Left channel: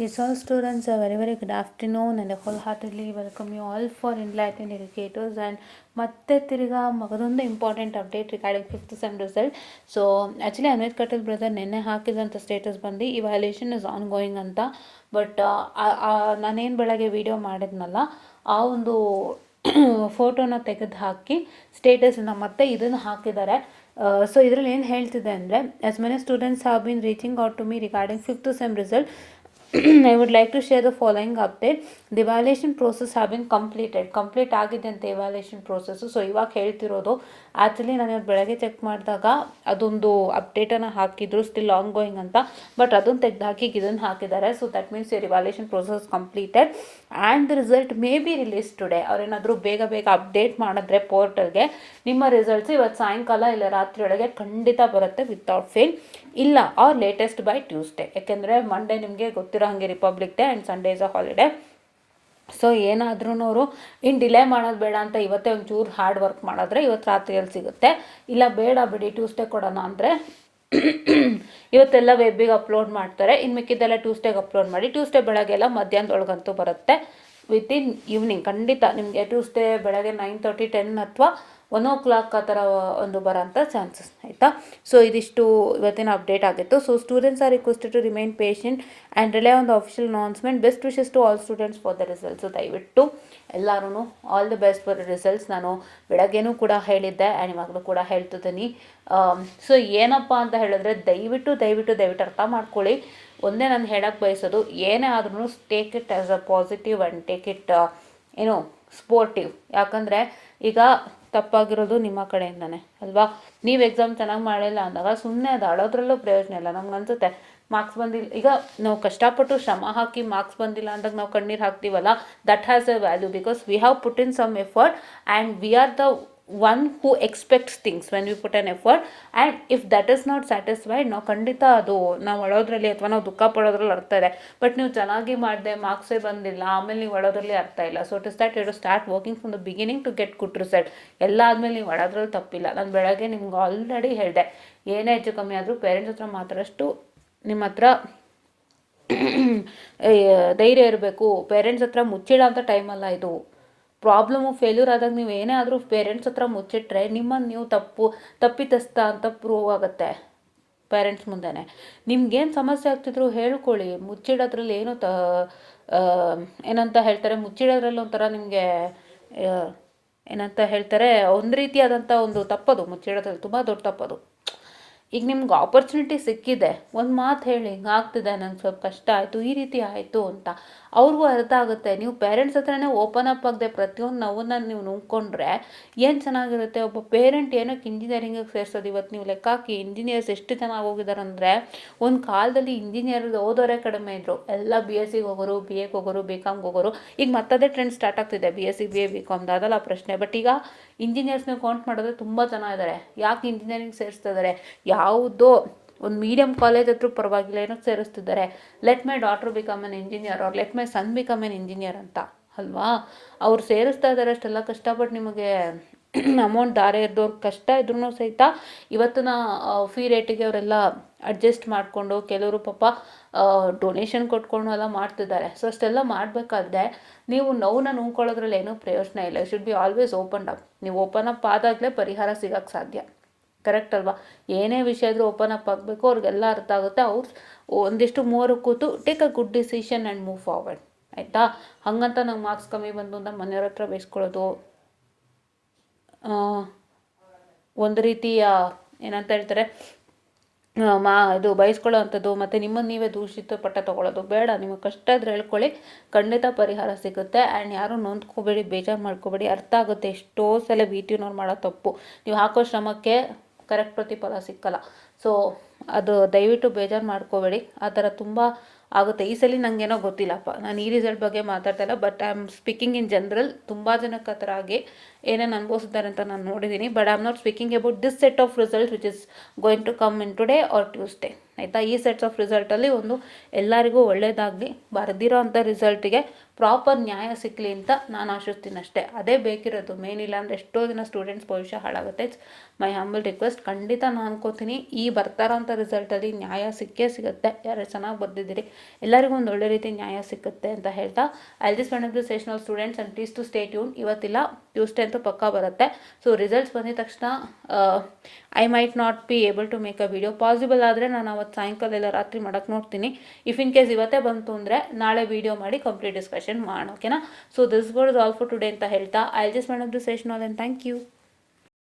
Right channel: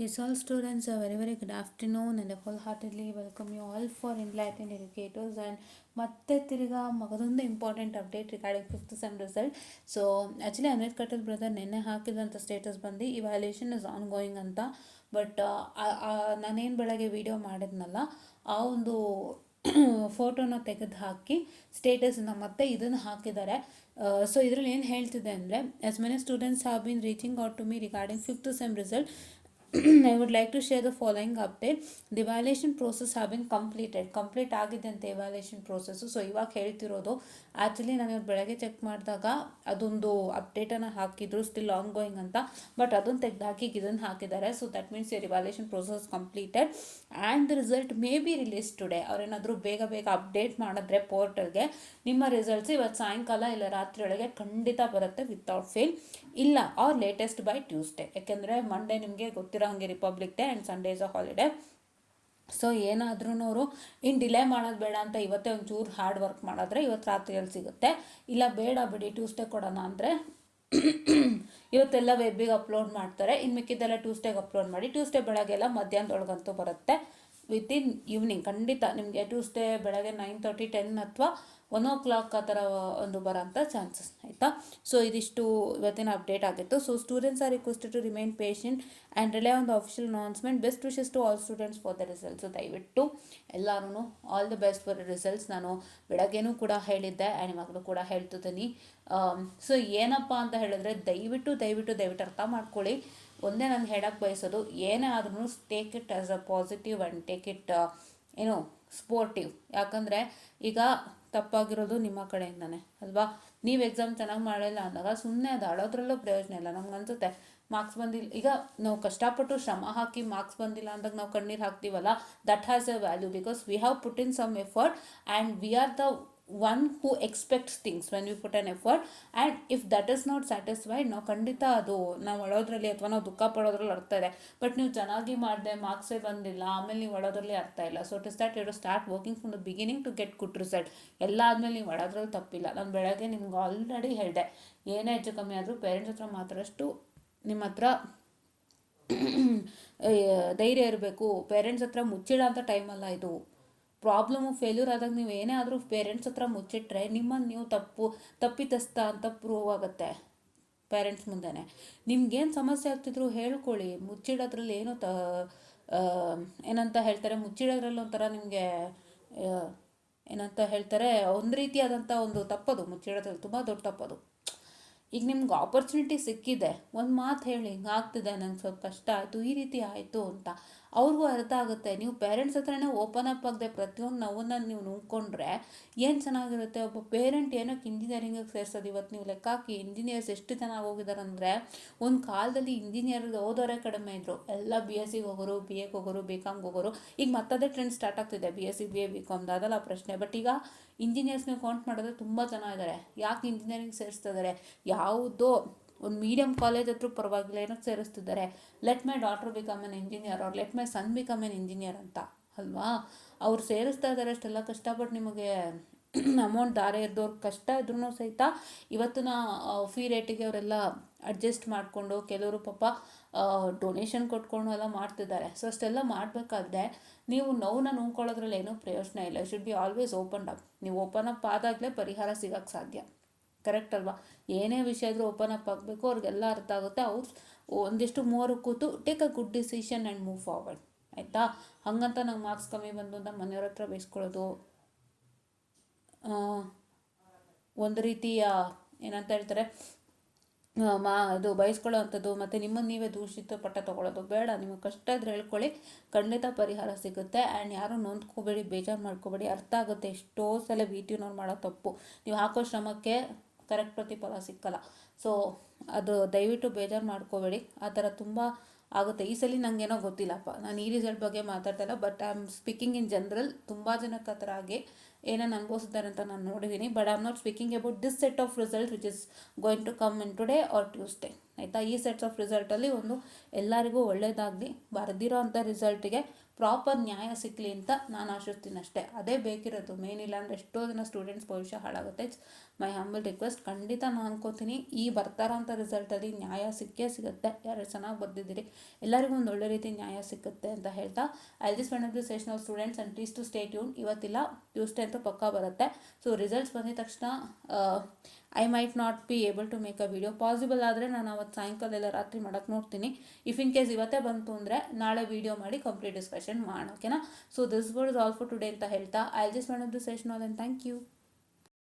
Yes, all students, a very good afternoon and I wholeheartedly welcome you all for Enlightened Educators and ಮತ್ತೆ ತಿರ್ಗಾ ಮಗದೊಂದು important update regarding fifth sem result. So actually Amit Katal brother ನಿನ್ನೆ ಹಾಕಿದಂಥ status ಬಂದು evaluation is ongoing ಅಂತ. But ನಾನೇನು ಬೆಳಗ್ಗೆ video ಮಾಡಿದ್ನಲ್ಲ ಆ ಒಂದು ಫೋಟೋನ ತೆಗೆದು ಹಾಕಿ ಸ್ಟೇಟಸನ್ನು ಮತ್ತೆ ಇದನ್ನು ಹಾಕಿದ್ದಾರೆ. ಸೊ ಇದರಲ್ಲಿ ಏನು ಹೇಳ್ತಿದೆ ಅಂದರೆ, as many students have been reaching out to me regarding fifth sem result. I would like to share the following update. The evaluation process have been completed. Complete ಆಗಿದೆ ಅಂತ ಎವ್ಯಾಲ್ಯೂಯೇಷನ್ ಪ್ರೋಸೆಸ್ಸು. ಸೊ ಇವಾಗ ಹೇಳ್ತಿರೋದು actually ನಾನು ಬೆಳಗ್ಗೆ check ಮಾಡಿದಾಗ ಅದೊಂದು ಅಪ್ಡೇಟನ್ನು ಹಾಕಿದ್ರು ಸ್ಟಿಲ್ ಆನ್ ಗೋಯಿಂಗ್ ಅಂತ. ಬಟ್ ಅದನ್ನು ತೆಗೆದು ಹಾಕಿ ಇದನ್ನು ಹಾಕಿದ್ದಾರೆ. So that means your evaluation process completed and the result may be release today. ಅವ್ರೇನಾದರೂ ಬೇಗ ಅಪ್ಡೇಟ್ ಮಾಡಿದ್ರೆ ಪೋರ್ಟಲ್ಗೆ ನಿಮ್ಮ ರಿಸಲ್ಟ್ಸ್ ಇವತ್ತು ಸಾಯಂಕಾಲ ಇಲ್ಲ ರಾತ್ರಿಯೊಳಗೆ ಖಂಡಿತ ಬರುತ್ತೆ ವಿತೌಟ್ ಫೇಲ್. ಇಲ್ಲ ಆರ್ ಲೇಟೆಸ್ಟ್ ಬೈ ಟ್ಯೂಸ್ಡೇ. ಯಾಕೆಂದರೆ ಮಂಡೇ ನಿಮಗೆ ಗೊತ್ತಿರೋ ಹಾಗೆ republic day and Sunday is a holiday. So ಏನಾದ್ರೂ ಅವರು ಇನ್ನು ಡಿಲೇ ಮಾಡೋದು ಬೇಡ ಅಂತ ಇವತ್ತೇ ಒಂಚೂರು ಹಾರ್ಡ್ ವರ್ಕ್ ಮಾಡಿದ್ರೆ ಇವತ್ತು ರಾತ್ರಿಯಲ್ಲಿ ಸಿಗುತ್ತೆ. ಇಲ್ಲ ಬೇಡ ಬಿಡಿ ಟ್ಯೂಸ್ಡೇ ಕೊಡೋಣ ಅಂದರೆ ಇವತ್ತೆಲ್ಲ ವೆಬ್ಬಿಗೆ ಅಪ್ಲೋಡ್ ಮಾಡ್ತಾರೆ. ಇನ್ನು ಮಿಕ್ಕಿದ್ದೆಲ್ಲ ಟ್ಯೂಸ್ಡೇಗೆ ಅಪ್ಲೋಡ್ ಮಾಡಿ ಟ್ಯೂಸ್ಡೇ ಬೆಳಗ್ಗೆ ಎಲ್ಲ ಮಧ್ಯಾಹ್ನದೊಳಗಂತೂ ಬರುತ್ತೆ. ವಿತಿನ್ ಈವ್ನಿಂಗ್ ಖಂಡಿತ ನಿಮಗೆ ಟ್ಯೂಸ್ಡೇ ಬೆಳಗ್ಗೆ 9:30 10 ಅಥವಾ 1 o'clock ಆ ಥರ ಒಂದು ಬರೋಂಥ ಚಾನ್ಸಸ್ ಆಯಿತಾ. ಸೊ ಇದಿಷ್ಟು ಇವತ್ತಿನ ಅಪ್ಡೇಟ್ ಆಗಿತ್ತು. So students are requested to remain patient and rely on the official announcement. Best wishes to all students for the results. So ದಯವಿಟ್ಟು ಎಲ್ಲರೂ all the best for results. ನಾನು ಬೆಳಗ್ಗೆನೂ ಕೂಡ ಹೇಳಿದ್ದೆ ಆ್ಯಂಡ್ ಇವಾಗಲೂ ಕೂಡ ಹೇಳ್ತಿದ್ದೀನಿ. ಸೊ ಏನಪ್ಪ ಅಂತ ಹೇಳಿದ್ರೆ ದಯವಿಟ್ಟು ಅರ್ಥ ಮಾಡ್ಕೊಳ್ಳಿ. ಒಂದೇ ನಾನು ಹೇಳಕ್ಕೆ ಬಯಸೋದು, ಏನೇ ಆದ್ರೂ take it as a positive and take it sportive. ಯಾಕಂದರೆ ಈಗ ತಪ್ಪಾಗಿರೋದು ನಿಮ್ಮ ಕಡೆಯಿಂದನೇ ಅಲ್ವಾ. ನೀವು ಎಕ್ಸಾಮ್ ಚೆನ್ನಾಗಿ ಮಾಡಿಲ್ಲ ಅಂದಾಗ ಸುಮ್ಮನೆ ಅದು ಅಳೋದ್ರಲ್ಲೂ ಪ್ರಯೋಜನ ಇಲ್ಲ. ನಮ್ಗೆ ಅನ್ಸುತ್ತೆ ಮಾರ್ಕ್ಸ್ ಬಂದಿಲ್ಲ, ಈಗ ನಾವು ಕಷ್ಟಪಟ್ಟು ಶ್ರಮ ಹಾಕಿ ಮಾರ್ಕ್ಸ್ ಬಂದಿಲ್ಲ ಅಂದಾಗ ನಾವು ಕಣ್ಣೀರು ಹಾಕ್ತೀವಲ್ಲ, that has a value because we have put in some effort and we are the one who expects things when we put an effort. And if that is not satisfied, ನಾವು ಖಂಡಿತ ಅದು ನಾವು ಅಳೋದ್ರಲ್ಲಿ ಅಥವಾ ನಾವು ದುಃಖ ಪಡೋದ್ರಲ್ಲಿ ಅರ್ಥ ಇದೆ. ಬಟ್ ನೀವು ಚೆನ್ನಾಗಿ ಮಾಡಿದೆ ಮಾರ್ಕ್ಸೇ ಬಂದಿಲ್ಲ ಆಮೇಲೆ ನೀವು ಅಳೋದ್ರಲ್ಲಿ ಅರ್ಥ ಇಲ್ಲ. So it is that you to start working from the beginning to get good result. ಎಲ್ಲ ಆದಮೇಲೆ ನೀವು ಅಳೋದ್ರಲ್ಲಿ ತಪ್ಪಿಲ್ಲ. ನಾನು ಬೆಳಗ್ಗೆ ನಿಮ್ಗೆ ಆಲ್ರೆಡಿ ಹೇಳಿದೆ, ಏನೇ ಹೆಚ್ಚು ಕಮ್ಮಿ ಆದರೂ ಪೇರೆಂಟ್ಸ್ ಹತ್ರ ಮಾತಾಡೋಷ್ಟು ನಿಮ್ಮ ಹತ್ರ ಧೈರ್ಯ ಇರಬೇಕು. ಪೇರೆಂಟ್ಸ್ ಹತ್ರ ಮುಚ್ಚಿಡೋ ಅಂಥ ಟೈಮಲ್ಲ ಇದು. ಪ್ರಾಬ್ಲಮು ಫೇಲ್ಯೂರ್ ಆದಾಗ ನೀವು ಏನೇ ಆದರೂ ಪೇರೆಂಟ್ಸ್ ಹತ್ರ ಮುಚ್ಚಿಟ್ರೆ ನಿಮ್ಮನ್ನು ನೀವು ತಪ್ಪಿತಸ್ಥ ಅಂತ ಪ್ರೂವ್ ಆಗುತ್ತೆ ಪೇರೆಂಟ್ಸ್ ಮುಂದೆನೇ. ನಿಮ್ಗೇನು ಸಮಸ್ಯೆ ಆಗ್ತಿದ್ರು ಹೇಳ್ಕೊಳ್ಳಿ. ಮುಚ್ಚಿಡೋದ್ರಲ್ಲಿ ಏನು ಏನಂತ ಹೇಳ್ತಾರೆ, ಮುಚ್ಚಿಡೋದ್ರಲ್ಲಿ ಒಂಥರ ನಿಮಗೆ ಏನಂತ ಹೇಳ್ತಾರೆ, ಒಂದು ರೀತಿಯಾದಂಥ ಒಂದು ತಪ್ಪದು. ಮುಚ್ಚಿಡೋದ್ರಲ್ಲಿ ತುಂಬ ದೊಡ್ಡ ತಪ್ಪದು. ಈಗ ನಿಮ್ಗೆ ಆಪರ್ಚುನಿಟಿ ಸಿಕ್ಕಿದೆ, ಒಂದು ಮಾತು ಹೇಳಿ ಹಿಂಗೆ ಆಗ್ತಿದೆ, ನಂಗೆ ಸ್ವಲ್ಪ ಕಷ್ಟ ಆಯಿತು, ಈ ರೀತಿ ಆಯಿತು ಅಂತ ಅವ್ರಿಗೂ ಅರ್ಥ ಆಗುತ್ತೆ. ನೀವು ಪೇರೆಂಟ್ಸ್ ಹತ್ರನೇ ಓಪನ್ ಅಪ್ ಆಗದೆ ಪ್ರತಿಯೊಂದು ನೋವನ್ನು ನೀವು ನುಂಗ್ಕೊಂಡ್ರೆ ಏನು ಚೆನ್ನಾಗಿರುತ್ತೆ. ಒಬ್ಬ ಪೇರೆಂಟ್ ಏನಕ್ಕೆ ಇಂಜಿನಿಯರಿಂಗಿಗೆ ಸೇರಿಸೋದು. ಇವತ್ತು ನೀವು ಲೆಕ್ಕ ಹಾಕಿ ಇಂಜಿನಿಯರ್ಸ್ ಎಷ್ಟು ಚೆನ್ನಾಗಿ ಹೋಗಿದ್ದಾರೆ ಅಂದರೆ, ಒಂದು ಕಾಲದಲ್ಲಿ ಇಂಜಿನಿಯರ್ ಓದೋರೇ ಕಡಿಮೆ ಇದ್ದರು. ಎಲ್ಲ BSc ಹೋಗೋರು, BA ಹೋಗೋರು, BCom ಹೋಗೋರು. ಈಗ ಮತ್ತದೇ ಟ್ರೆಂಡ್ ಸ್ಟಾರ್ಟ್ ಆಗ್ತಿದೆ, BSc BA BCom ಅದಲ್ಲ ಪ್ರಶ್ನೆ. ಬಟ್ ಈಗ ಇಂಜಿನಿಯರ್ಸ್ನ ಕೌಂಟ್ ಮಾಡಿದ್ರೆ ತುಂಬ ಜನ ಇದ್ದಾರೆ. ಯಾಕೆ ಇಂಜಿನಿಯರಿಂಗ್ ಸೇರಿಸ್ತಾ ಇದ್ದಾರೆ? ಯಾವುದೋ ಒಂದು ಮೀಡಿಯಮ್ ಕಾಲೇಜ್ ಹತ್ರ ಪರವಾಗಿಲ್ಲ, ಏನಕ್ಕೆ ಸೇರಿಸ್ತಿದ್ದಾರೆ, let my daughter become an engineer or let my son become an engineer ಅಂತ ಅಲ್ವಾ. ಅವ್ರು ಸೇರಿಸ್ತಾ ಇದ್ದಾರೆ ಅಷ್ಟೆಲ್ಲ ಕಷ್ಟಪಟ್ಟು. ನಿಮಗೆ ಅಮೌಂಟ್ ದಾರೆ ಇದ್ದವ್ರು ಕಷ್ಟ ಇದ್ರೂ ಸಹಿತ ಇವತ್ತಿನ ಫೀ ರೇಟಿಗೆ ಅವರೆಲ್ಲ ಅಡ್ಜಸ್ಟ್ ಮಾಡಿಕೊಂಡು ಕೆಲವರು ಪಾಪ ಡೊನೇಷನ್ ಕೊಟ್ಕೊಂಡು ಎಲ್ಲ ಮಾಡ್ತಿದ್ದಾರೆ. ಸೊ ಅಷ್ಟೆಲ್ಲ ಮಾಡಬೇಕಾದ್ರೆ ನೀವು ನೋವನ್ನ ನುಂಗ್ಕೊಳ್ಳೋದ್ರಲ್ಲಿ ಏನೂ ಪ್ರಯೋಜನ ಇಲ್ಲ. Should be always open up. ನೀವು ಓಪನ್ ಅಪ್ ಆದಾಗಲೇ ಪರಿಹಾರ ಸಿಗೋಕ್ಕೆ ಸಾಧ್ಯ. ಕರೆಕ್ಟ್ ಅಲ್ವಾ. ಏನೇ ವಿಷಯ ಆದರೂ ಓಪನ್ ಅಪ್ ಆಗಬೇಕು, ಅವ್ರಿಗೆಲ್ಲ ಅರ್ಥ ಆಗುತ್ತೆ. ಅವ್ರು ಒಂದಿಷ್ಟು ಮೂವರು ಕೂತು take a good decision and move forward ಆಯಿತಾ. ಹಾಗಂತ ನಂಗೆ ಮಾರ್ಕ್ಸ್ ಕಮ್ಮಿ ಬಂದು ನಮ್ಮ ಮನೆಯವ್ರ ಹತ್ರ ಬೇಯಿಸ್ಕೊಳ್ಳೋದು ಒಂದು ರೀತಿಯ ಏನಂತ ಹೇಳ್ತಾರೆ ಇದು ಬಯಸ್ಕೊಳ್ಳೋ ಅಂಥದ್ದು, ಮತ್ತು ನಿಮ್ಮನ್ನು ನೀವೇ ದೂಷಿತ ಪಟ್ಟ ತೊಗೊಳ್ಳೋದು ಬೇಡ. ನಿಮಗೆ ಕಷ್ಟ ಇದ್ರೆ ಹೇಳ್ಕೊಳ್ಳಿ, ಖಂಡಿತ ಪರಿಹಾರ ಸಿಗುತ್ತೆ. ಆ್ಯಂಡ್ ಯಾರೂ ನೊಂದ್ಕೋಬೇಡಿ, ಬೇಜಾರು ಮಾಡ್ಕೋಬೇಡಿ. ಅರ್ಥ ಆಗುತ್ತೆ ಎಷ್ಟೋ ಸಲ VTನವ್ರು ಮಾಡೋ ತಪ್ಪು. ನೀವು ಹಾಕೋ ಶ್ರಮಕ್ಕೆ ಕರೆಕ್ಟ್ ಪ್ರತಿಫಲ ಸಿಕ್ಕಲ್ಲ. ಸೊ ಅದು ದಯವಿಟ್ಟು ಬೇಜಾರು ಮಾಡ್ಕೋಬೇಡಿ. ಆ ಥರ ತುಂಬ ಆಗುತ್ತೆ. ಈ ಸಲ ನನಗೇನೋ ಗೊತ್ತಿಲ್ಲಪ್ಪ, ನಾನು ಈ ರಿಸಲ್ಟ್ ಬಗ್ಗೆ ಮಾತಾಡ್ತಾ ಇಲ್ಲ, but I am speaking in general. ತುಂಬ ಜನಕ್ಕೆ ಆ ಥರ ಆಗಿ ಏನೇನು ಅನುಭವಿಸಿದ್ದಾರೆ ಅಂತ ನಾನು ನೋಡಿದ್ದೀನಿ. But I am not speaking about this set of result which is going to come in today or Tuesday ಆಯಿತಾ. ಈ ಸೆಟ್ಸ್ ಆಫ್ ರಿಸಲ್ಟಲ್ಲಿ ಒಂದು ಎಲ್ಲರಿಗೂ ಒಳ್ಳೆಯದಾಗಲಿ. ಬರೆದಿರೋ ಅಂಥ ರಿಸಲ್ಟಿಗೆ ಪ್ರಾಪರ್ ನ್ಯಾಯ ಸಿಕ್ಕಲಿ ಅಂತ ನಾನು ಆಶಿಸ್ತೀನಿ ಅಷ್ಟೇ. ಅದೇ ಬೇಕಿರೋದು ಮೇನ್. ಇಲ್ಲ ಅಂದರೆ ಎಷ್ಟೋ ದಿನ ಸ್ಟೂಡೆಂಟ್ಸ್ ಭವಿಷ್ಯ ಹಾಳಾಗುತ್ತೆ. It's my humble request. ಖಂಡಿತ ನಾನು ಅನ್ಕೋತೀನಿ ಈ ಬರ್ತಾರೋಂಥ ರಿಸಲ್ಟಲ್ಲಿ ನ್ಯಾಯ ಸಿಕ್ಕೇ ಸಿಗುತ್ತೆ. ಯಾರು ಚೆನ್ನಾಗಿ ಬರ್ದಿದ್ದೀರಿ ಎಲ್ಲರಿಗೂ ಒಂದು ಒಳ್ಳೆ ರೀತಿ ನ್ಯಾಯ ಸಿಗುತ್ತೆ ಅಂತ ಹೇಳ್ತಾ, I just one of the sessional students and please to stay tune. ಇವತ್ತಿಲ್ಲ, ಟ್ಯೂಸ್ಡೇ ಅಂತೂ ಪಕ್ಕಾ ಬರುತ್ತೆ. ಸೊ ರಿಸಲ್ಟ್ಸ್ ಬಂದಿದ ತಕ್ಷಣ I might not be able to make a video. Possible ಆದರೆ ನಾನು ಅವತ್ತು ಸಾಯಂಕಾಲ ಇಲ್ಲ ರಾತ್ರಿ ಮಾಡೋಕ್ಕೆ ನೋಡ್ತೀನಿ. ಇಫ್ ಇನ್ ಕೇಸ್ ಇವತ್ತೇ ಬಂತು ಅಂದರೆ ನಾಳೆ ವೀಡಿಯೋ ಮಾಡಿ ಕಂಪ್ಲೀಟ್ ಡಿಸ್ಕಷನ್ ಮಾಡೋಣ, ಓಕೆನಾ? So this was all for today ಅಂತ ಹೇಳ್ತಾ, I just one of the sessional and thank you.